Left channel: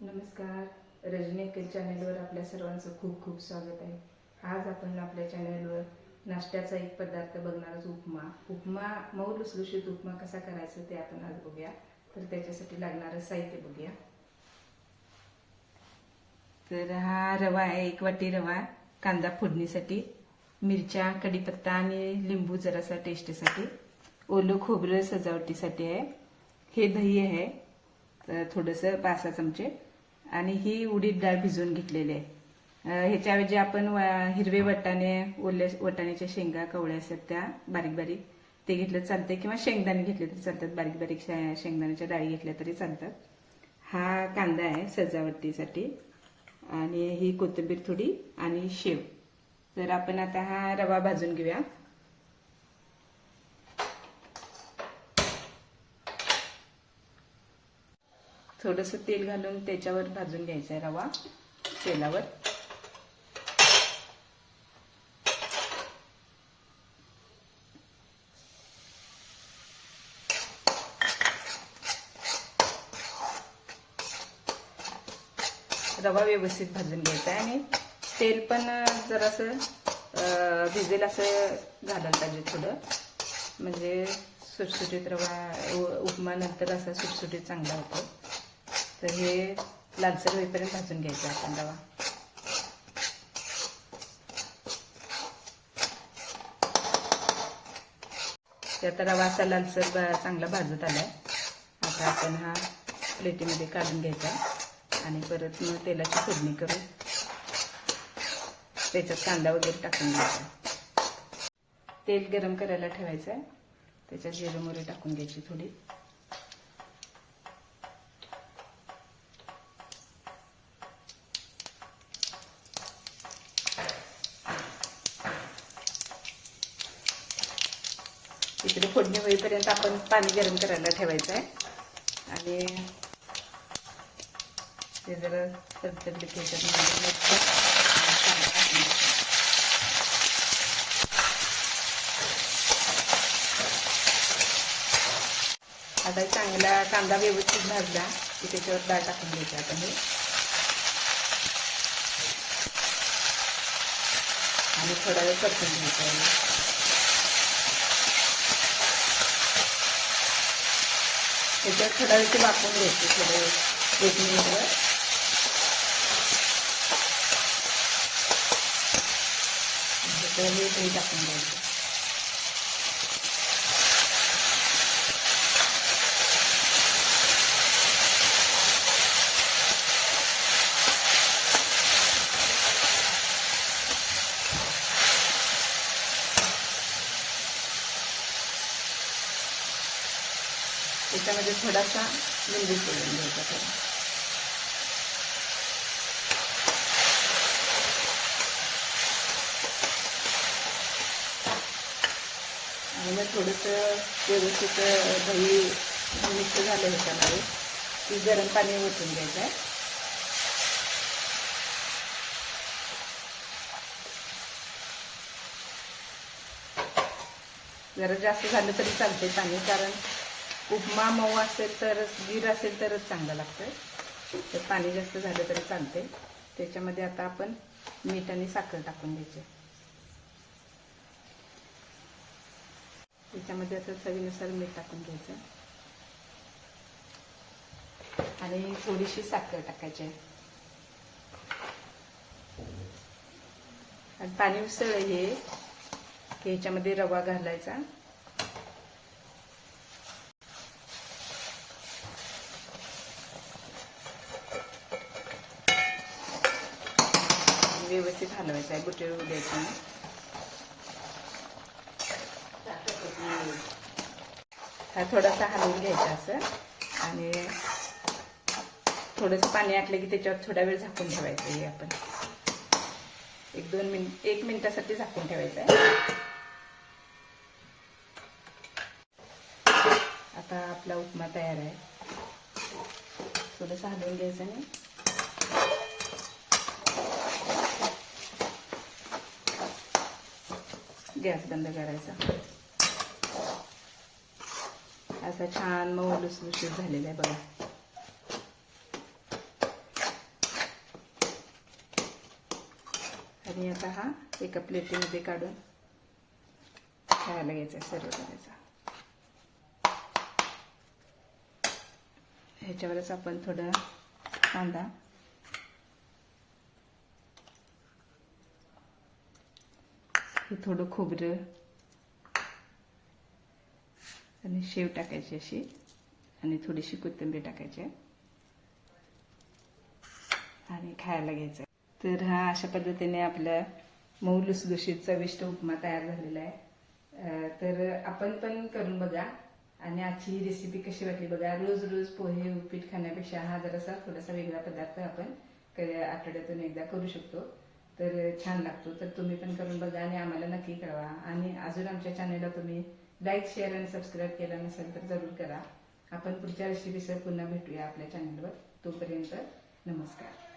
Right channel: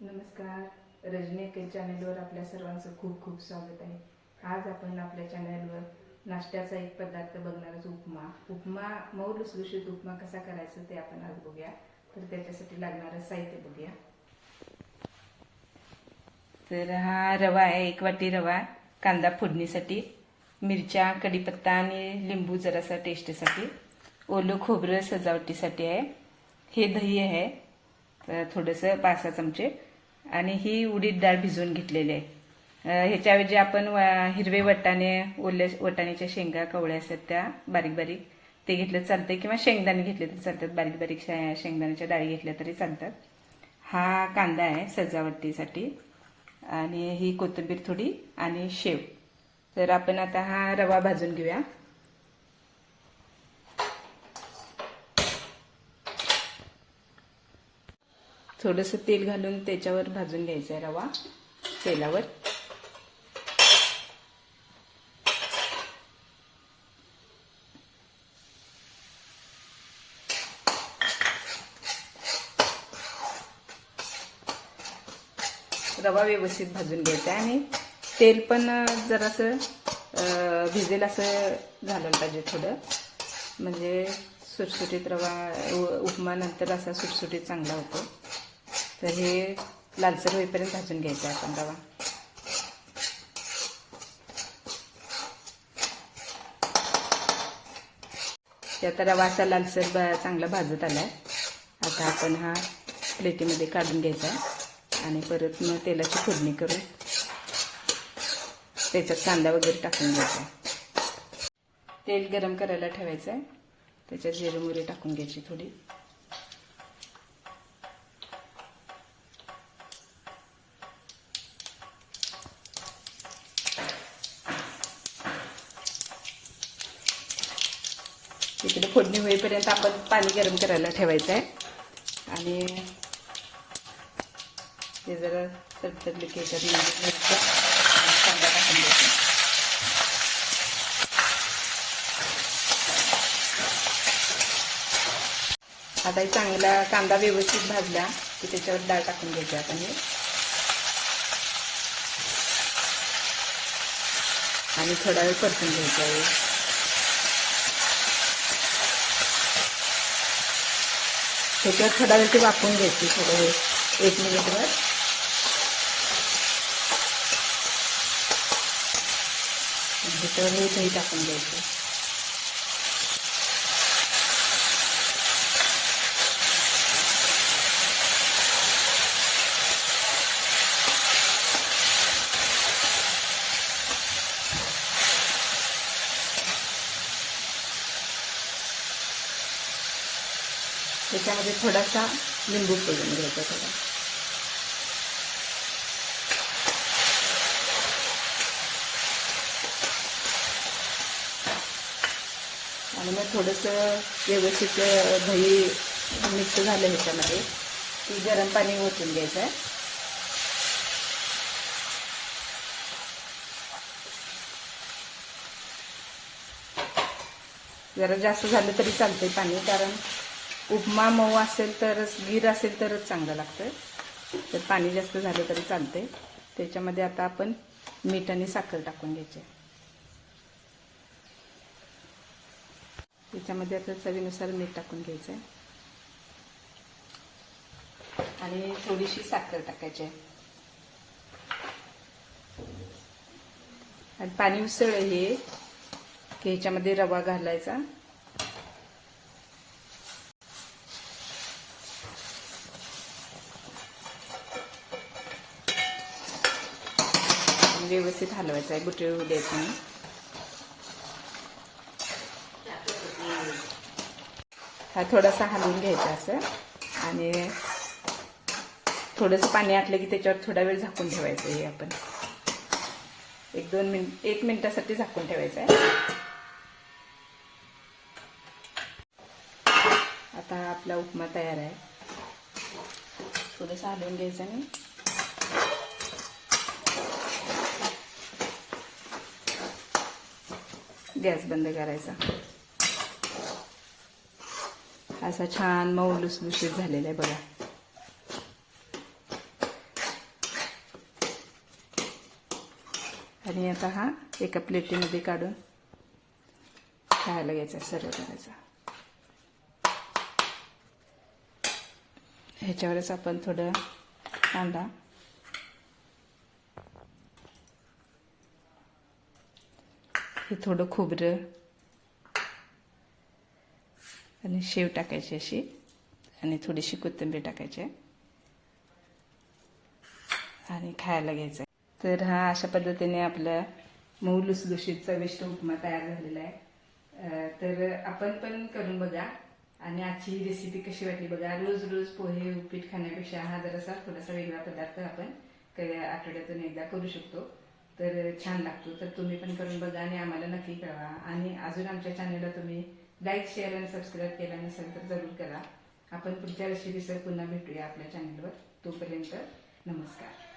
नमस्कार, रजनी केक चॅनेलवर आपल्या सर्वांचं खूप खूप स्वागत आहे। आज आपण आपल्या चॅनेलवर नाश्त्याचा एक पदार्थ बघणार आहोत, उपमा मऊ लुसलुशीत उपमा कसा करायचा ते आपण आज बघूया। तर त्याच्यासाठी लागणारे साहित्य बघूया। तर हा रवा आहे, 1 वाटी रवा, कांदा फोडणीसाठी, मिरच्या, कढीपत्ता आणि लिंबू जरासा टेस्टसाठी, ओलं खोबरं सजावटीसाठी आहे, हे दही आहे थोडंसं 5 चमचे, आणि ही उडीद डाळ भिजवून घेतलेली आहे। ह्याच्याऐवजी आपण हिरवे वाटाणे, ओल्या वाटाण्याच्या शेंगा कवळ्या असतात त्या बारीक बारीक ते घेतलं चालते, किंवा शेंगदाणे घेतले तरी चालतात, बारीक बारीक शेंगदाण्याच्या डाळी घेतल्या तरी चालतात। हा कांदा आहे सजावटीसाठी, आणि ही कोथिंबीर थोडी, आणि शेव। तर आपण आता हा रवा भाजून घेऊया। थोडंसं तेल घालून त्याच्यावर भाजून घ्यायचा आहे रवा तेलावर। रवा व्यवस्थित भाजून घ्यायचा आहे, आणि तेल पण जरासं भिजेल असं घालायला पाहिजे थोडं, म्हणजे सुटसुटीत रवा उपमा नंतर असा सुटसुटीत चांगला होतो। तर हे लालसर होईपर्यंत भाजून घ्यायचं आपण रवा। आता रवा असा लालसर चांगला भाजत आलाय। आता आपण हा प्लेटीमध्ये काढून घ्यायचा, आणि परत मग तेलाची फोडणी करून त्याच्यात कांदा वगैरे टाकून घ्यायचा। तेल गरम करायला ठेवायचं आहे, त्याच्यात जिरे मोहरी टाकून घ्यायची थोडी। इकडे फोडणी होईपर्यंत आपण पाणी गरम करायला ठेवायचं आहे, आणि ते जरा तडतडले की कांदा टाकून घ्यायचा। आता चांगला कांदा व्यवस्थित भाजला की त्याच्यावर डाळ टाकून घ्यायची आपण हे, आणि थोडा वेळ परतून घ्यायचा आहे। त्याच्यावर थोडा वेळ ते वाफवून घ्यायची, थोडं 1 मिनिटवर। त्याच्यावर हे दही टाकून घ्यायचं। त्याच्यामध्ये थोडासा लिंबू पिळून घ्यायचा थोडा, आणि मग थोडंसं व्यवस्थित दही मिक्स झालं ह्याच्यामध्ये की गरम पाणी ओतून घ्यायचं आहे। जरा जास्त झालं तरी चालते पाणी, कारण उपमा मऊ असेल तरच, गिर असेल तरच चांगलं लागतं। तर पाणी जास्त झालं तरी चालते। त्याच्यामध्ये आता आपण मीठ आणि साखर टाकून घ्यायचे। त्याच्यामध्ये आता चवीनुसार मीठ टाकून घ्यायचं, आणि थोडीशी साखर टाकायची आहे, आणि पाणी उसळलं हे की ह्याच्यामध्ये रवा घालायचा, व्यवस्थित हलवायचं आहे, गुटळू द्यायचं नाही। हा थोडासा हलवून घ्यायचा असं, आणि थोडंसं पाणी आटलं की त्याच्यावर थोडा वेळ झाकून ठेवायचं। हे आपण 1 मिनिटासाठी झाकून ठेवायचं आहे। आता आपला उपमा तयार आहे। थोडंसं हलवून घ्यायचं आणि गॅस बंद करायचा। असा छान मऊ लुसलुशीत झालेला आहे बघा। आणि आता हा एका प्लेटीमध्ये काढून खायला घ्यायचा, सर्व करायचा. ह्याच्यावरच आपण थोडं कांदा, हे थोडं खोबरं आणि शेव टाकायची अशी, आणि थोडीशी कोथिंबीर टाकायची आणि खायला घ्यायचं. तर हा अशा पद्धतीने आपला मऊ लुसलुशीत चविष्ट उपमा तयार झालेला आहे. तर आपण पण करून बघा आणि आजची रेसिपी कशी वाटली बघा. रोज रोज पोहे उपीट खाण्यापेक्षा हा जरासा थोडासा वेगळा पदार्थ आपण आठवड्यातून एकदा करू शकतो. तर छान लागतो. तर तुम्ही पण करून बघा आणि आम्हाला नक्की कळवा. आणि अजून आमच्या चॅनलला तुम्ही लाईक, शेअर आणि सबस्क्राईब केला नसेल तर जरूर करा. आपण पुढच्या रेसिपीसह पुन्हा भेटूया आपल्या चॅनलवर. तोपर्यंत नमस्कार.